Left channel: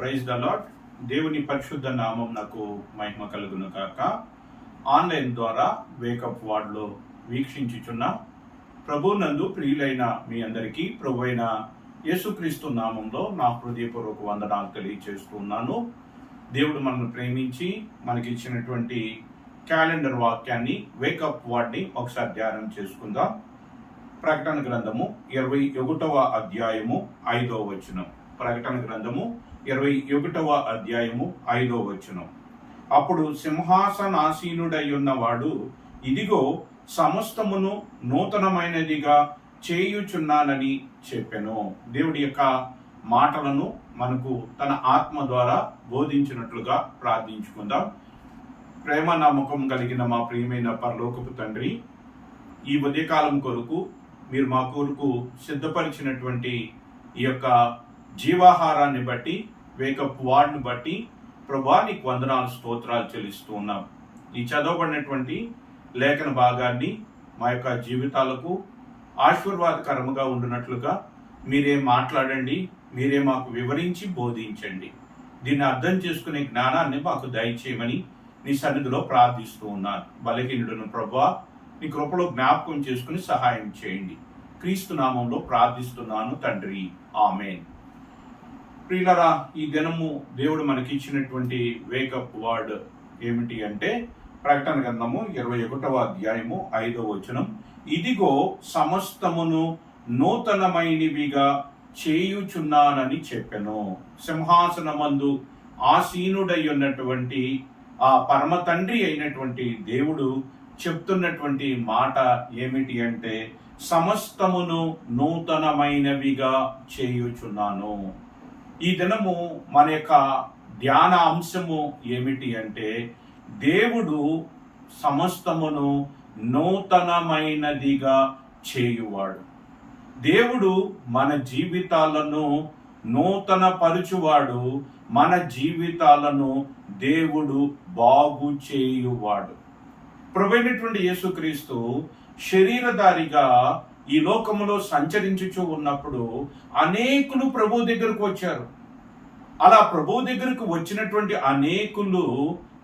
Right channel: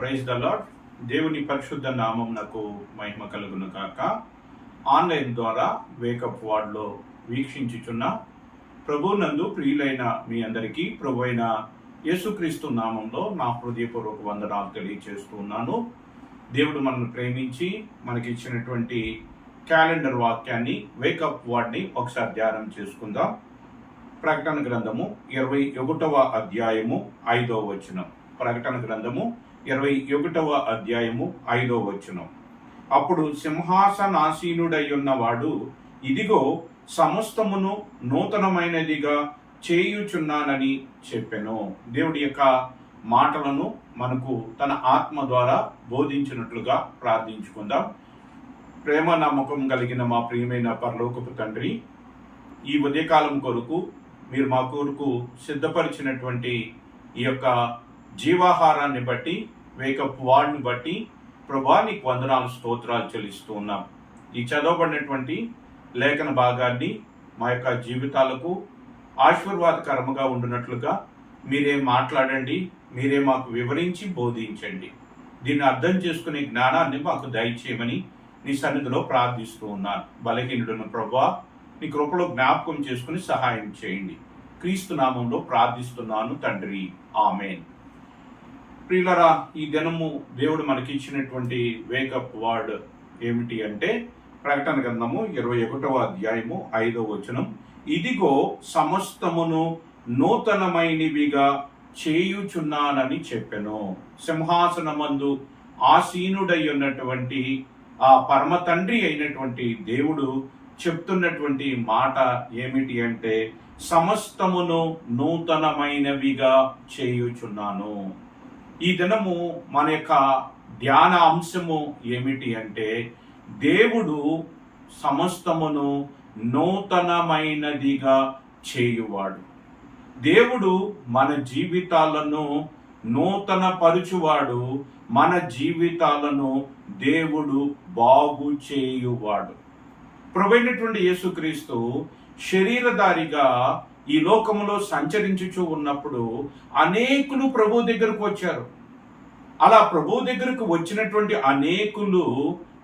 Praise the lord. దేవుని పరిశుద్ధ నామం నాకు మహిమ కలుగును కాక. ఆన్లైన్ ద్వారా వేకప్ వార్డ్లో వీక్షించుచున్న ప్రభునందు ప్రియులైన మీ అందరికీ ప్రభు అయిన యేసుక్రీస్తు నామంలో నా హృదయపూర్వక వందనాలు తెలియజేస్తూ ఉన్నాను. దేవుడు మనల్ని ప్రేమించి మనకిచ్చినటువంటి క్యాలెండర్ వాక్యాన్ని వేకప్ వార్డ్ని ఒకసారి ధ్యానం చేసుకుందాం. ప్రకటన గ్రంథము 21వ అధ్యాయము 5వ వచనం. ప్రకటన గ్రంథము 21వ అధ్యాయము 5వ వచనం. అప్పుడు సింహాసనాసీనుడై ఉన్నవాడు, ఇదిగో సమస్తమును నూతనమైనదిగా చేయుచున్నానని చెప్పెను. దేవుడి యొక్క మాటలను మనకు తన ఆత్మ ద్వారా బోధించినట్లుగా ప్రార్థించుకుందాం. ప్రేమ నమ్మకం కలిగిన మా ప్రియమైన పరలోకపు తండ్రి, ఈ ఉదయకాలం కొరకు మీరు మా కొరకు సిద్ధపరిచినటువంటి ఈ యొక్క జీవాహారాన్ని బట్టి, వేకప్ వార్డ్ని బట్టి ప్రభువా నీకు వందనాలు, స్తోత్రాలు చెల్లిస్తూ ఉన్నాం. ఈ చదవబడినటువంటి లేఖన భాగాన్ని మా యొక్క జీవితాలకు ఆశీర్వాదకరముగా ఉండునట్లుగా మీరే మాట్లాడండి, మీరే మాకు వివరించి బోధించండి. దీన్ని అర్థం చేసుకునే జ్ఞానాన్ని మాకు దయచేయమని నీ సన్నిధిలో ప్రార్థిస్తూ ఉన్నాను. బలహీనుడును ప్రభువా, నీ కృపలో జ్ఞాపకం చేసుకుని సహాయం చేయండి. క్రీస్తు నామంలో ప్రార్థిస్తున్నాను తండ్రి, ఆమేన్. ప్రియులరా, ఈ దినము దేవుడు మనకిచ్చినటువంటి వేకప్ వర్డ్ ఏమిటి అంటే ప్రకటన గ్రంథము 21వ అధ్యాయము 5వ వచనం. ఇదిగో సమస్తమును నూతనమైనవిగా చేయుచున్నానని చెప్పెను. సింహాసనమందు ఆసీనుడై ఉన్నటువంటి ఆ పరమ తండ్రి అయినటువంటి దేవుడు చెప్తున్నటువంటి మాట ఏమిటి అంటే సమస్తమును నూతనమైనవిగా చేయుచున్నాను. ఈ దినము మన యొక్క ధ్యాన అంశము ఏమిటి అంటే దేవుడు సమస్తమును నూతనమైనదిగా చేయువాడు. దేవుడు మన జీవితాలను నూతన పరుచువాడు. మన జీవితాలను దేవుడు బాగు చేయువాడు. ప్రభువైనటువంటి యేసుక్రీస్తు శరీరధారిగా ఈ లోకములో సంచరించుచూ ఉన్నప్పుడు అనేకులు ప్రభు దగ్గరకు వచ్చారు. అలా ప్రభు దగ్గరకు వచ్చినటువంటి అనేకులు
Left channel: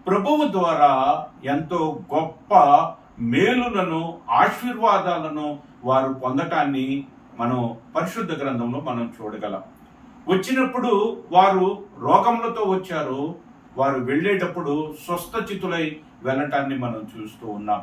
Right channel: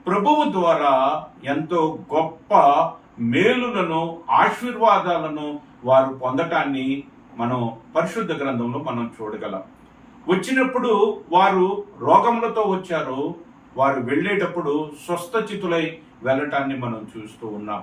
ప్రభువు ద్వారా ఎంతో గొప్ప మేలులను, ఆశీర్వాదాలను వారు పొందటాన్ని మనం పరిశుద్ధ గ్రంథంలో మనం చూడగలం. వచ్చినప్పుడు వారు రోగములతో వచ్చారు. వారు వెళ్ళేటప్పుడు స్వస్థచితులై వెళ్ళటాన్ని మనం చూస్తూ ఉన్నాం.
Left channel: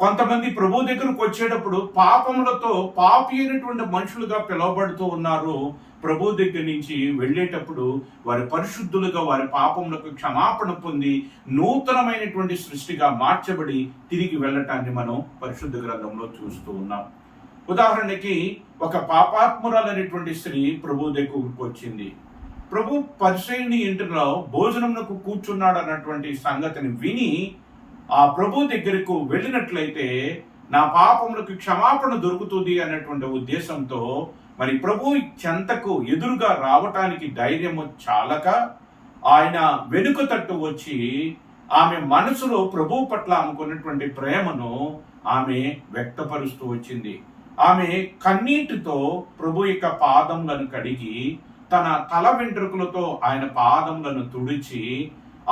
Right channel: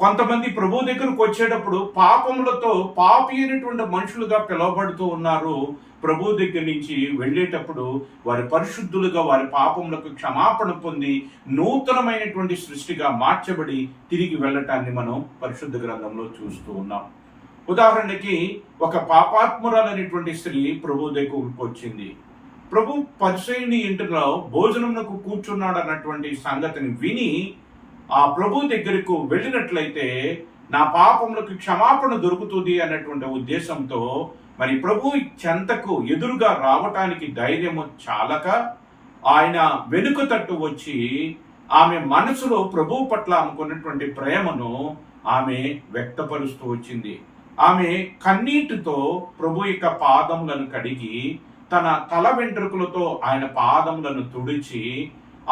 కొంతమంది ప్రభు దగ్గరకు వచ్చేటప్పుడు పాపములతో పాపి అయినటువంటి మనుషులుగా పిలువబడుతూ ఉన్నారు. ప్రభు దగ్గర నుంచి వెళ్ళేటప్పుడు వారి పరిశుద్ధులుగా, వారి పాపములకు క్షమాపణ పొంది నూతనమైనటువంటి సృష్టిగా మార్చబడి తిరిగి వెళ్ళటాన్ని మనం పరిశుద్ధ గ్రంథంలో చూస్తూ ఉన్నాం. ఉదాహరణకి ఒక పాపాత్మురాలైనటువంటి స్త్రీ ప్రభు దగ్గరకు వచ్చింది. ప్రభు పరిసయ్యుని ఇంటిలో భోజనమునకు కూర్చున్నాడు అన్నటువంటి సంగతిని విని ఆ ప్రభు దగ్గరకు వెళ్ళినట్లయితే నా పాపములకు క్షమాపణ దొరుకుతుంది అన్నటువంటి ఉద్దేశంతో మరి ప్రభు చెంతకు ఎదురుగా రావటానికి ధైర్యము చాలక ఆయన వెనుక తట్టు వచ్చి ఆమె మనసులో ప్రభు పట్ల ఆమెకున్నటువంటి ప్రేమను ఆమె వ్యక్తపరుస్తూ వచ్చింది. ఆమె కన్నీటితో ప్రభు యొక్క పాదములను కడిగి తన తల వెంట్రుకలతో ఆయన పాదములను తుడిచి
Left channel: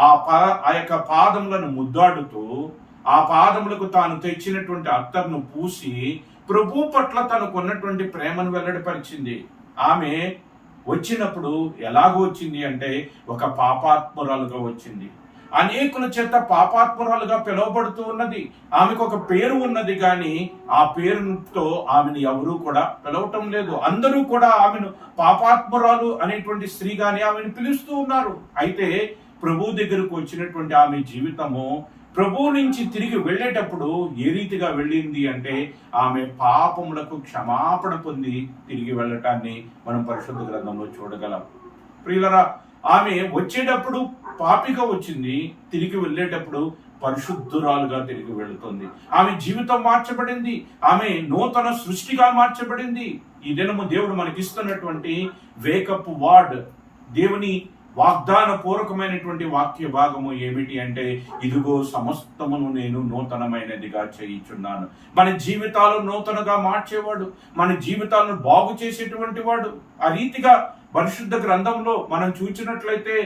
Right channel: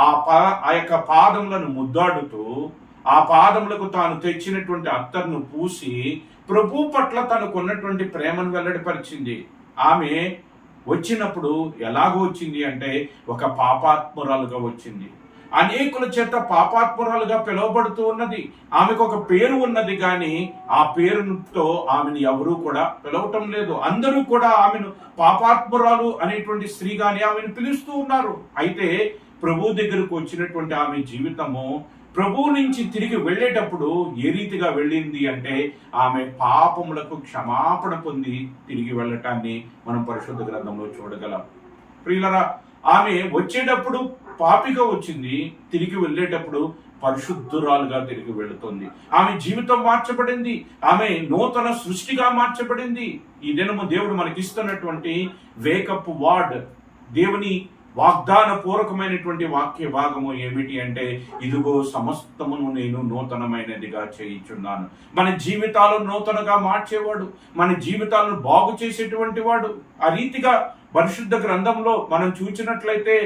ఆ యొక్క పాదములను ముద్దాడుతూ ఆ పాదములకు తాను తెచ్చినటువంటి అత్తర్ను పూసి ప్రభు పట్ల తనకున్నటువంటి ప్రేమను వెల్లడిపరిచింది. ఆమె వచ్చినప్పుడు ఎలాగో వచ్చింది అంటే ఒక పాపాత్మురాలుగా వచ్చింది. అనేకుల చేత పాపాత్మురాలుగా పిలువబడుతూ ఉన్నది. ఆమెకు ఒక పేరు ఉన్నది, కానీ ఆ పేరుతో ఆమెను ఎవరూ కూడా పిలవటం లేదు. అందరూ కూడా ఆమెను పాపాత్మురాలు అనేటువంటి స్త్రీగానే ఆమెను పిలుస్తూ ఉన్నారు. అయితే ప్రభు దగ్గరకు వచ్చినటువంటి ఆమె జీవితము ప్రభు నుంచి తిరిగి వెళ్ళేటప్పుడు ఏ రీతిగా వెళ్ళింది అంటే ఆమె పాపములకు క్షమాపణ పొంది తిరిగి వెళ్ళటాన్ని మనం పరిశుద్ధ గ్రంథంలో చూడగలం. ప్రియులరా, ఆమె వచ్చేటప్పుడు పాపిగా వచ్చింది, తిరిగి వెళ్ళేటప్పుడు పరిశుద్ధురాలుగా తిరిగి వెళుతుంది. ఆమె జీవితం మార్చబడింది, ఆమె నూతన సృష్టిగా మార్చబడింది. ఈ దినము దేవుడు మనకిస్తున్నటువంటి వేకప్ వార్డ్, దేవుని వాగ్దాన పూర్వకమైనటువంటి వాక్య భాగము ఏమిటి అంటే ఇదిగో సమస్తమును నేను నూతనమైనదిగా చేయుచున్నాను. మన జీవితాలను నూతనగా మార్చేవాడు, మన జీవితాలను బాగు చేసేటువంటి వాడు. ఆ రీతిగా పరిశుద్ధ గ్రంథంలో మనం చూసినట్లయితే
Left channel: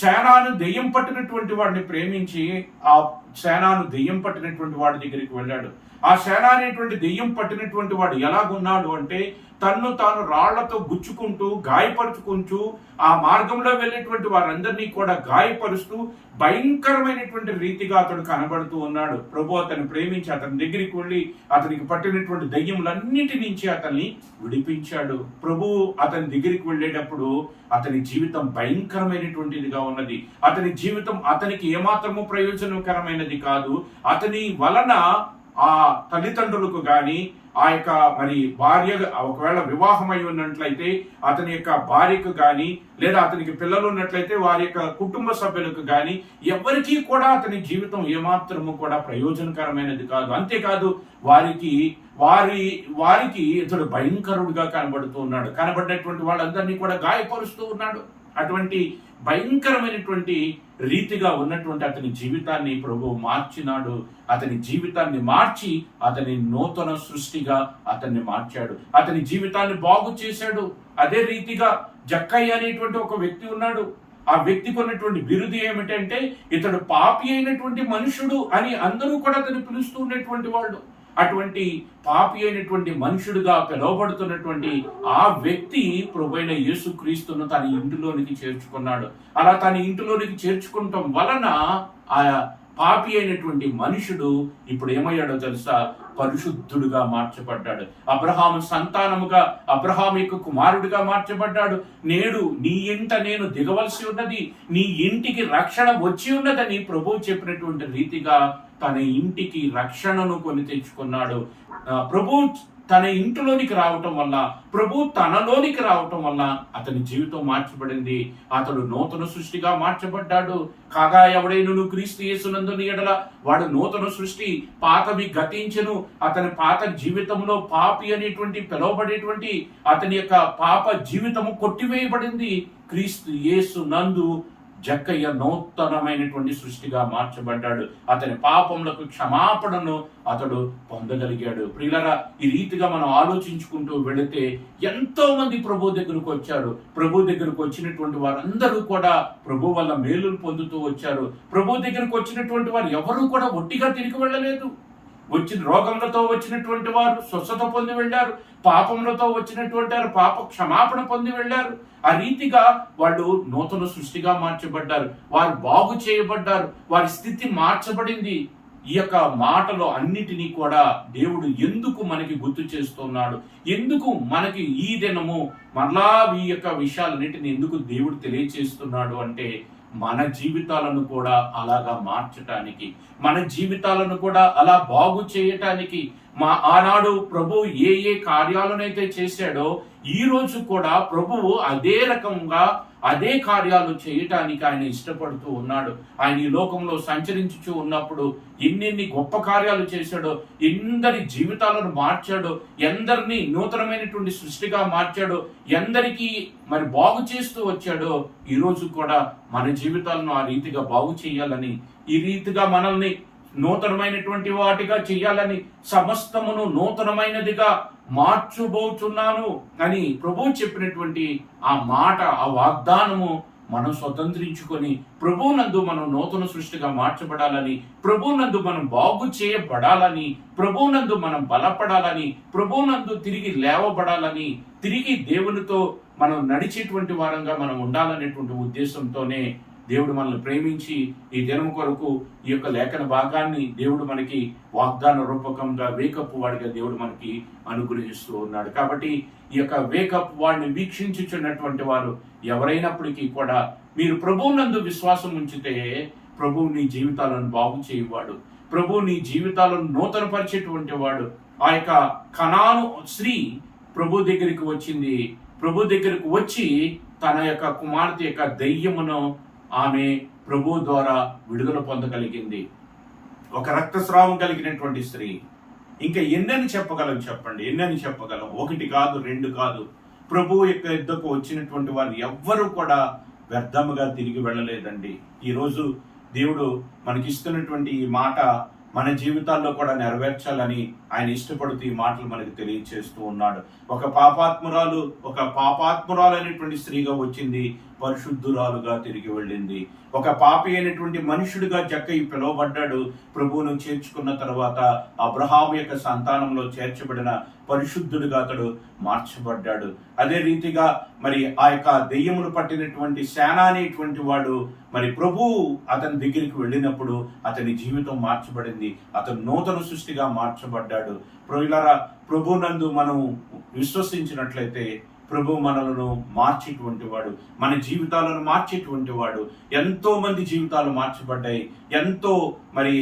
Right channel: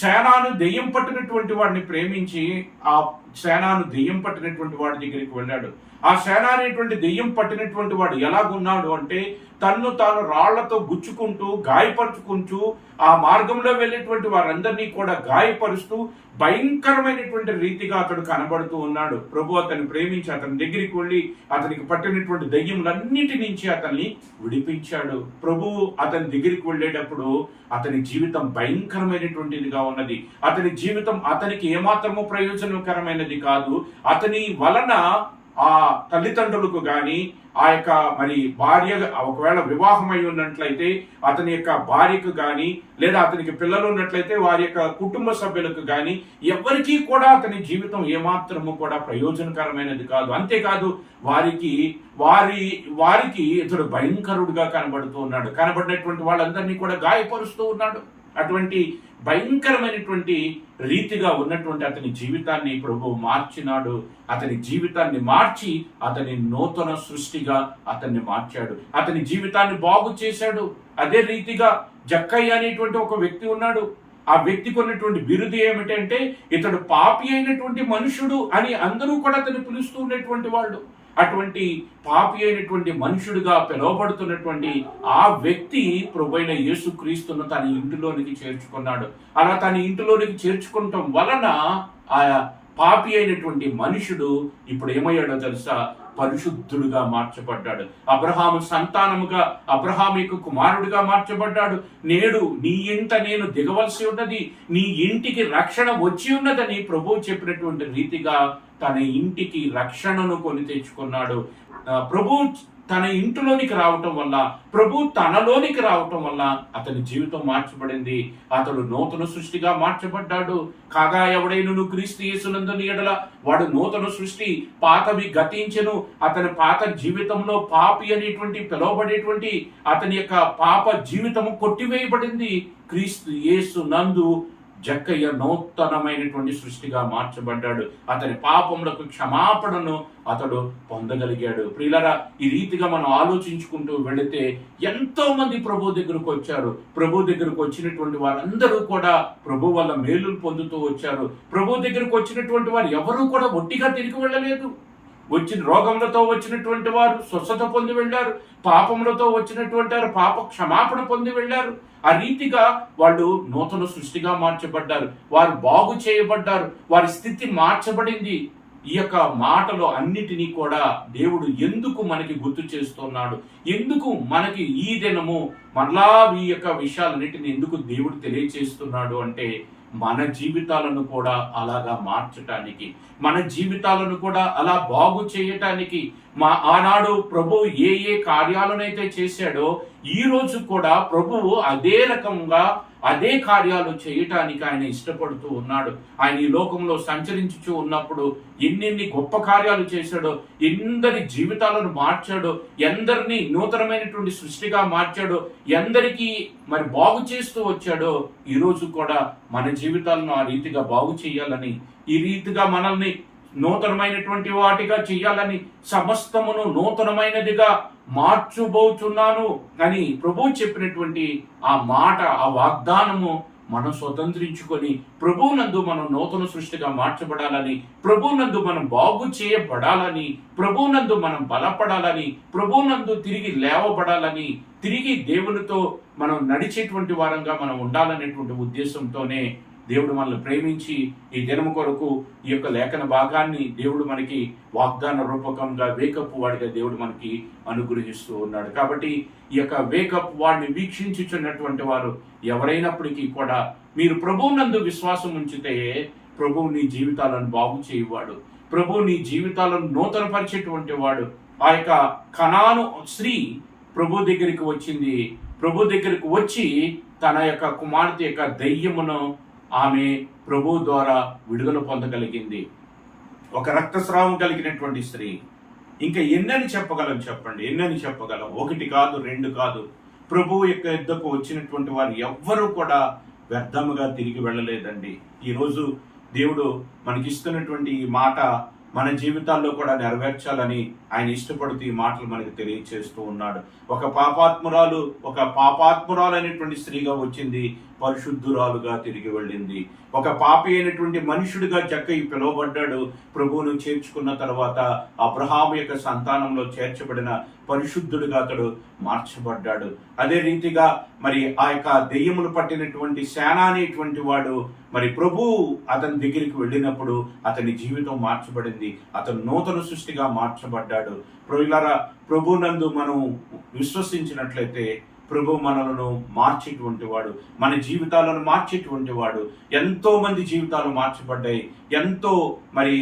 సేనాను దెయ్యం పట్టినటువంటి వాడిని ప్రేమించి ఆ సేనాను దెయ్యం పట్టినటువంటి వాడి దగ్గరికి వెళ్ళాడు. ఆ సేన అనేటువంటి దెయ్యం పట్టినటువంటి వాడు ఎలాగున్నాడు అంటే తన్ను తాను రాళ్లతో గుచ్చుకుంటూ గాయపరుచుకుంటూ ఆ మార్గంలో వెళ్ళేటువంటి వారందరినీ కూడా గాయపరుస్తూ భయంకరమైనటువంటి రీతిగా అతడు కనబడుతూ ఉన్నాడు. ప్రభు అతన్ని ప్రేమించి అతని దగ్గరికి వెళ్ళి అతనికి పట్టినటువంటి దయ్యములన్నిటి నుంచి అతన్ని విడిపించాడు. ప్రభు అతని దగ్గరికి వెళ్ళేటప్పుడు అతని జీవితం భయంకరమైనటువంటిదిగా ఉన్నది. అతని జీవితం అతనికి ఏమాత్రము ప్రయోజనకరమైనది కాదు. అతని వలన ఆ తల్లిదండ్రులకు గాని ఆ యొక్క మరి భార్య ఒకవేళ వివాహం అయి ఉన్నట్లయితే అతని యొక్క భార్యకు గాని లేదా అతనికి పిల్లలు ఉన్నట్లయితే వారి యొక్క కుటుంబ సభ్యులకు గాని ఎవరికీ కూడా అతని జీవితం ఏమాత్రము కూడా ప్రయోజనకరమైనది కాదు. అంతేకాదు వారికి ఇతడు భయంకరుడుగా కనబడుతూ ఉన్నాడు. కనబడినటువంటి వాళ్ళందరినీ కూడా గాయపరుస్తూ ఉన్నాడు. అటువంటి భయంకరమైనటువంటి రీతిగా ఉన్నటువంటి అతని జీవితాన్ని ప్రభు మార్చినాడు. అతని జీవితాన్ని మార్చి అతని నూతన సృష్టిగా అతన్ని మార్చాడు. అతని జీవితాన్ని బాగు చేశాడు. అదే రీతిగా జక్కయ్య అనేటువంటి ఒక వ్యక్తి ఉన్నాడు. ఆ వ్యక్తికి ఉన్నటువంటి బిరుదు ఏమిటంటే ఇతడు పాపి అయినటువంటి మనుషుడు అని అందరూ కూడా అతను పిలుస్తూ ఉన్నటువంటి వాళ్ళు. అటువంటి పాపి అయినటువంటి మనుషుడిగా పిలువబడుతున్నటువంటి ఆ వ్యక్తి ప్రభువైన యేసుక్రీస్తును తన ఇంటిలోనికి చేర్చుకున్నాడు. అలా తన ఇంటిలోనికి చేర్చుకోవటం వలన ఆ పాపి అయినటువంటి మనుషుడు ఇప్పుడు ఏమయ్యాడో తెలుసా? పరిశుద్ధుడుగా మార్చబడ్డాడు. అబ్రహాము సంతానముగా అబ్రహాముకు కుమారుడిగా మార్చబడ్డాడు. నేడు నీ ఇంట నేను దిగవలసి ఉన్నది, నీ ఇంటికి రక్షణ వచ్చి ఉన్నదని ప్రభువు చెప్పినటువంటి రీతిగా తన ఇంటికి రక్షణను కొని తెచ్చుకున్నాడు. ప్రభు తన ఇంటిలోనికి రావటం వల్ల, ప్రభు తనలోనికి రావటం వల్ల అతని జీవితం మార్చబడింది. అతడు నూతన సృష్టిగా మార్చబడ్డాడు. కాగా ఎవడైనను క్రీస్తు యేసునందు ఎడల వాడు నూతన సృష్టి, పాతవి గతించెను. అతని పాత జీవితంలో పాపి అనేటువంటి పిలువబడేటువంటి అతని యొక్క పాప జీవితము కొట్టివేయబడింది. క్రీస్తు యేసు నందు జక్కయ్య నూతనమైనటువంటి సృష్టిగా మార్చబడ్డాడు. అతని పాపములకు క్షమాపణను అతడు పొందగలిగాడు. ప్రియులారా, ఈ రీతిగా మనం ఆలోచించుకుంటూ వెళితే ఎంతో మంది ప్రభు దగ్గరకు వచ్చారు. ప్రభు దగ్గరకు వచ్చినటువంటి వారందరూ కూడా ప్రభు వల్ల మేలులు పొందుతూ వచ్చారు. ప్రభు దగ్గరకు వచ్చినటువంటి వారు ఎవరూ కూడా ఒట్టిగా తిరిగి వెళ్ళలేదు. రోగములతో వచ్చినటువంటి వారు స్వస్థత పొంది వెళ్ళారు. పాపములతో వచ్చినటువంటి వారు పాప క్షమాపణ పొంది వెళ్ళారు. ఆ రీతిగా వాళ్ళు నూతన సృష్టిగా మార్చబడ్డారు. వారు బాగు చేయబడ్డారు. వారి స్థితి మార్చబడింది. ఈ యొక్క మాటలో అన్నిటినీ కూడా దేవుడు ఎందుకు మనకి గుర్తు చేస్తున్నాడు, ఎందుకు మనకి ఈ దినము మరలా ఈ యొక్క విషయాలన్నిటిని ఎందుకు దేవుడు తెలియచేస్తున్నాడు అంటే మన జీవితాలను కూడా అలాగా మార్చటానికి, మన జీవితాలను కూడా అలా బాగు చేయటానికి. ఆనాడు ప్రభువు ఏ ఏ కార్యాలనైతే చేశాడో ఈ రోజు కూడా ప్రభువు అదే రకంగా అదే కార్యాలు చేయటానికి ఆయన ఇష్టపడుతూ ఉన్నాడు. ఆయన ఈ లోకంలో సంచరించుచూ ఉన్నప్పుడు ఎన్నెన్ని గొప్ప కార్యాలు చేశాడో, ఎందరి జీవితాలను మార్చాడో, ఎందరినీ నూతనమైనటువంటి సృష్టిగా మార్చాడో, ఎందరికీ మరి బాగు చేస్తూ వచ్చాడో, ఈరోజు కూడా మన జీవితాలను ఆ రీతిగా బాగు చేయాలని, ఈ రీతిగా మనల్ని నూతనమైనటువంటి వాటిగా చేయాలని, సమస్తమును నూతనమైనదిగా మార్చుబోతున్నాను అని ప్రభు చెప్పినటువంటి ఆ మాట, ఆ వాగ్దానము మనం స్వతంత్రించుకొని ప్రభువునందు మనం నూతన సృష్టిగా మార్చబడాలని, ప్రభువునందు మనం బాగు చేయబడాలని, ప్రభువునందు మనం బలపడాలని, ప్రభువునందు తిరిగి లేవబడాలని, తిరిగి దేవునితో మనం నడిచేటువంటి వారంగా మనం ఉండాలనేటువంటి ఉద్దేశంతోనే దేవుడు మనల్ని ప్రేమించి ఈ దినము కొరకు ఈ యొక్క లేఖన భాగాన్ని దేవుడు మనకి వాగ్దాన రూపకంగా వేకప్ వాడిగా దేవుడు మనకి అనుగ్రహిస్తూ ఉన్నాడు. కాబట్టి ఈ యొక్క వేకప్ వాడిని వీక్షించుచున్నటువంటి వారు ఎవరైనప్పటికీ కూడా మీరు ప్రభువునందు విశ్వాసం ఉంచితే ప్రభువు నీ జీవితాలను బాగు చేయవాడు, ప్రభువు నీ జీవితాలను నూతనపరిచేటువంటి వాడు. ఆ యొక్క కనాను స్త్రీ ప్రభు దగ్గరికి వచ్చింది. ప్రభు దగ్గరికి వచ్చి తన యొక్క కుమార్తె యొక్క దయ్యమును ఆమె ప్రభు ద్వారా విడుదల పొందగలిగింది. ఒక రక్తస్రావం కలిగినటువంటి స్త్రీ. ఇంకా ఎన్నని చెప్పగలం చెప్పండి, ఎన్నని చెప్పగలం? ఒకటి కాదు, రెండు కాదు. ప్రభు యొక్క యుద్ధకు వచ్చినటువంటి వారు ఎవ్వరూ కూడా వ్యర్థముగా తిరిగి వెళ్ళలేదండి. ఈరోజు దేవుడు మనకిస్తున్నటువంటి ఈ మాట మన జీవితాల్లో కూడా నెరవేర్చాలని ఆయన ఇష్టపడుతూ ఈ మాటలు మనకి తెలియచేస్తూ ఉన్నాడు. ఒక పాపాత్మురాలు అనేటువంటి స్త్రీగా వచ్చింది, పరిశుద్ధురాలుగా తిరిగి వెళ్ళింది. ఒక పాపి అయినటువంటి మనుషుడిగా జక్కయి పిలువబడ్డాడు. ప్రభువును చేర్చుకున్న తర్వాత అబ్రహాము యొక్క సంతానంలో చేర్చబడిన పరిశుద్ధుడిగా అతడు మార్చబడ్డాడు. అదే రీతిగా మరి ఆ యొక్క దెయ్యములు పట్టినటువంటి సేన అనేటువంటి వాడు మరి ప్రభువు అతని దగ్గరికి వెళ్ళినప్పుడు అతని జీవితం మార్చబడింది. అతను నూతన సృష్టిగా మార్చబడ్డాడు. ప్రియులారా, ప్రభునందు మనం విశ్వసించినట్లయితే ప్రభు మనలను మార్చేటువంటి వాడు, మన జీవితాలను మార్చేటువంటి వాడు. ఎంతో మంది జీవితాలు మార్చబడ్డాయి. ఎంతో మరి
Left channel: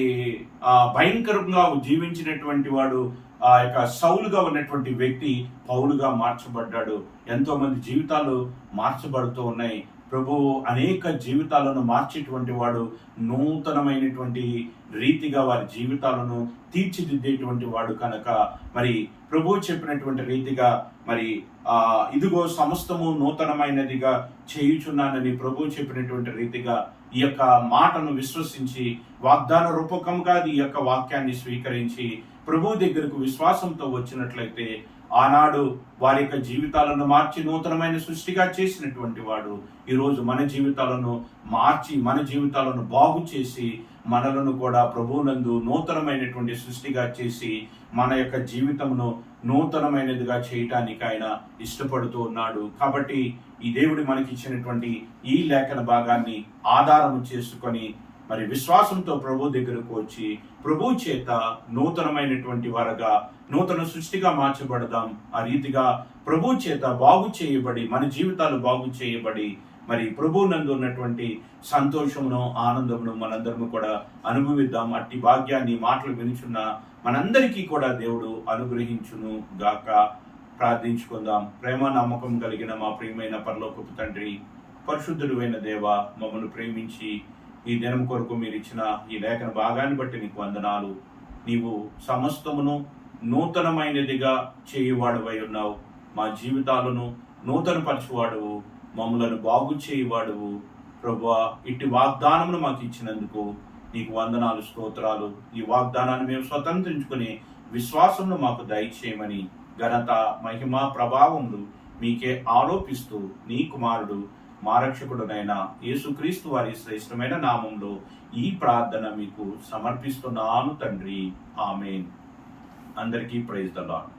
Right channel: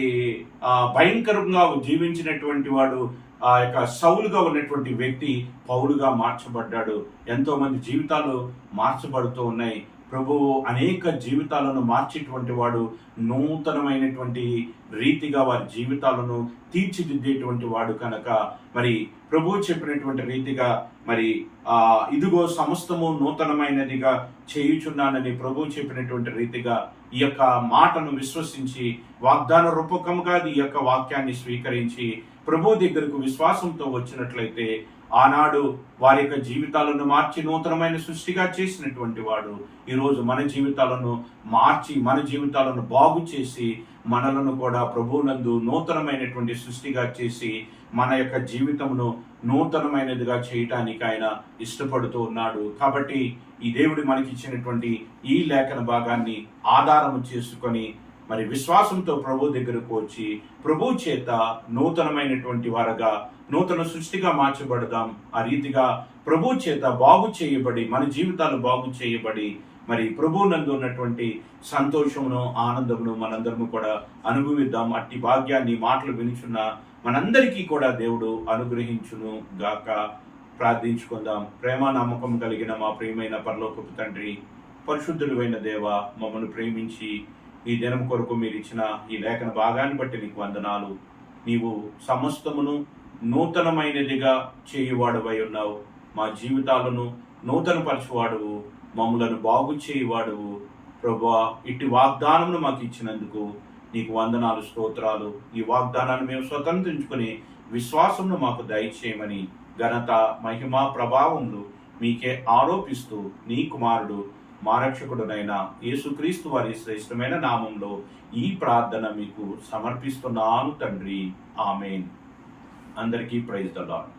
భయంకరంగా జీవించినటువంటి వాడు ఆ యొక్క సౌలుగా ఉన్నటువంటి వ్యక్తి పౌలుగా మార్చబడ్డాడు. ఎంతో మంది జీవితాలు మార్చబడుతూ ఉన్నాయి. ప్రభువు అనేక జీవితాలను మార్చేటువంటి వాడు, నూతనమైనటువంటి రీతిగా వారి జీవితాలను తీర్చిదిద్దేటువంటి వాడు కనుక మరి ప్రభువు చెప్పినటువంటి రీతిగా మరి ఇదిగో సమస్తము నూతనమైనదిగా చేయుచున్నానని ప్రభువు చెప్పినటువంటి రీతిగా ఈ యొక్క మాటను విశ్వసించి వాగ్దాన రూపకంగా ఈ యొక్క వాక్యాన్ని స్వీకరించి ప్రభు దగ్గరకు విశ్వాసంతో వచ్చినట్లయితే ఆనాడు వారి యొక్క జీవితాలను మార్చి నూతనమైన సృష్టిగా చేసినటువంటి వాడు ఈరోజు మన జీవితాలను మార్చి మన జీవితాలను బాగు చేసి మనలను కూడా ప్రభువునందు నూతనమైనటువంటి సృష్టిగా చేసి మన యొక్క జీవితమును నూతనమైనదిగా చేయటానికి ఆయన ఇష్టపడుతూ ఉన్నాడు. కాబట్టి ఈ దేవుడు మనకి ఇచ్చినటువంటి ఈ లేఖన భాగాన్ని ఆధారము చేసుకొని మరి విశ్వాసంతో ప్రభు దగ్గరకు వచ్చి ప్రభు చేత నూతనమైనటువంటి వారుగా నూతన సృష్టిగా మార్చబడదాం. ఆ రీతిగా ప్రభు చేత బాగు చేయబడి మన జీవితాలు బాగు చేయబడి మరి ప్రభు నందు ఉన్నటువంటి సంతోషమును ఆనందమును మనందరము కూడా అనుభవిద్దాం. అట్టి భాగ్యాన్ని మాటలు వినుచున్న మనందరికీ కూడా దేవుడు అనుగ్రహించును గాక. ప్రార్థించుకుందాం. ప్రేమ నమ్మకం కలిగిన మా ప్రియమైన పరలోకపు తండ్రి, పరిశుద్ధుడైన దేవ, మమ్మల్ని ప్రేమించి ఈ దినం కొరకు మీరు ఇచ్చిన ఈ లేఖన భాగాన్ని బట్టి నీకు వందనాలు. నీవు సమస్తమును నూతనమైనదిగా చేయువాడువై ఉన్నావు. మా జీవితాలను నూతనపరచువాడువు, మమ్మలను బాగు చేయువాడువు. ప్రభువా, ఇట్టి వాగ్దానమును మాకు ఇచ్చినందుకు నీకు వందనాలు, స్తోత్రాలు. ఈ వాగ్దానాన్ని మేము స్వతంత్రించుకుని విశ్వాసమును మాకు దయచేయమని ఘనత, మహిమ, ప్రభావములు మీకే ఆరోపిస్తూ నీ కుమారుడు మా రక్షకుడునైన యేసుక్రీస్తు వారి శ్రేష్టమైన నామంలో ఈ ప్రార్థన మీకు సమర్పిస్తున్నాను తండ్రి. ఆమేన్. అందరికీ ప్రైజ్ ద లార్డ్.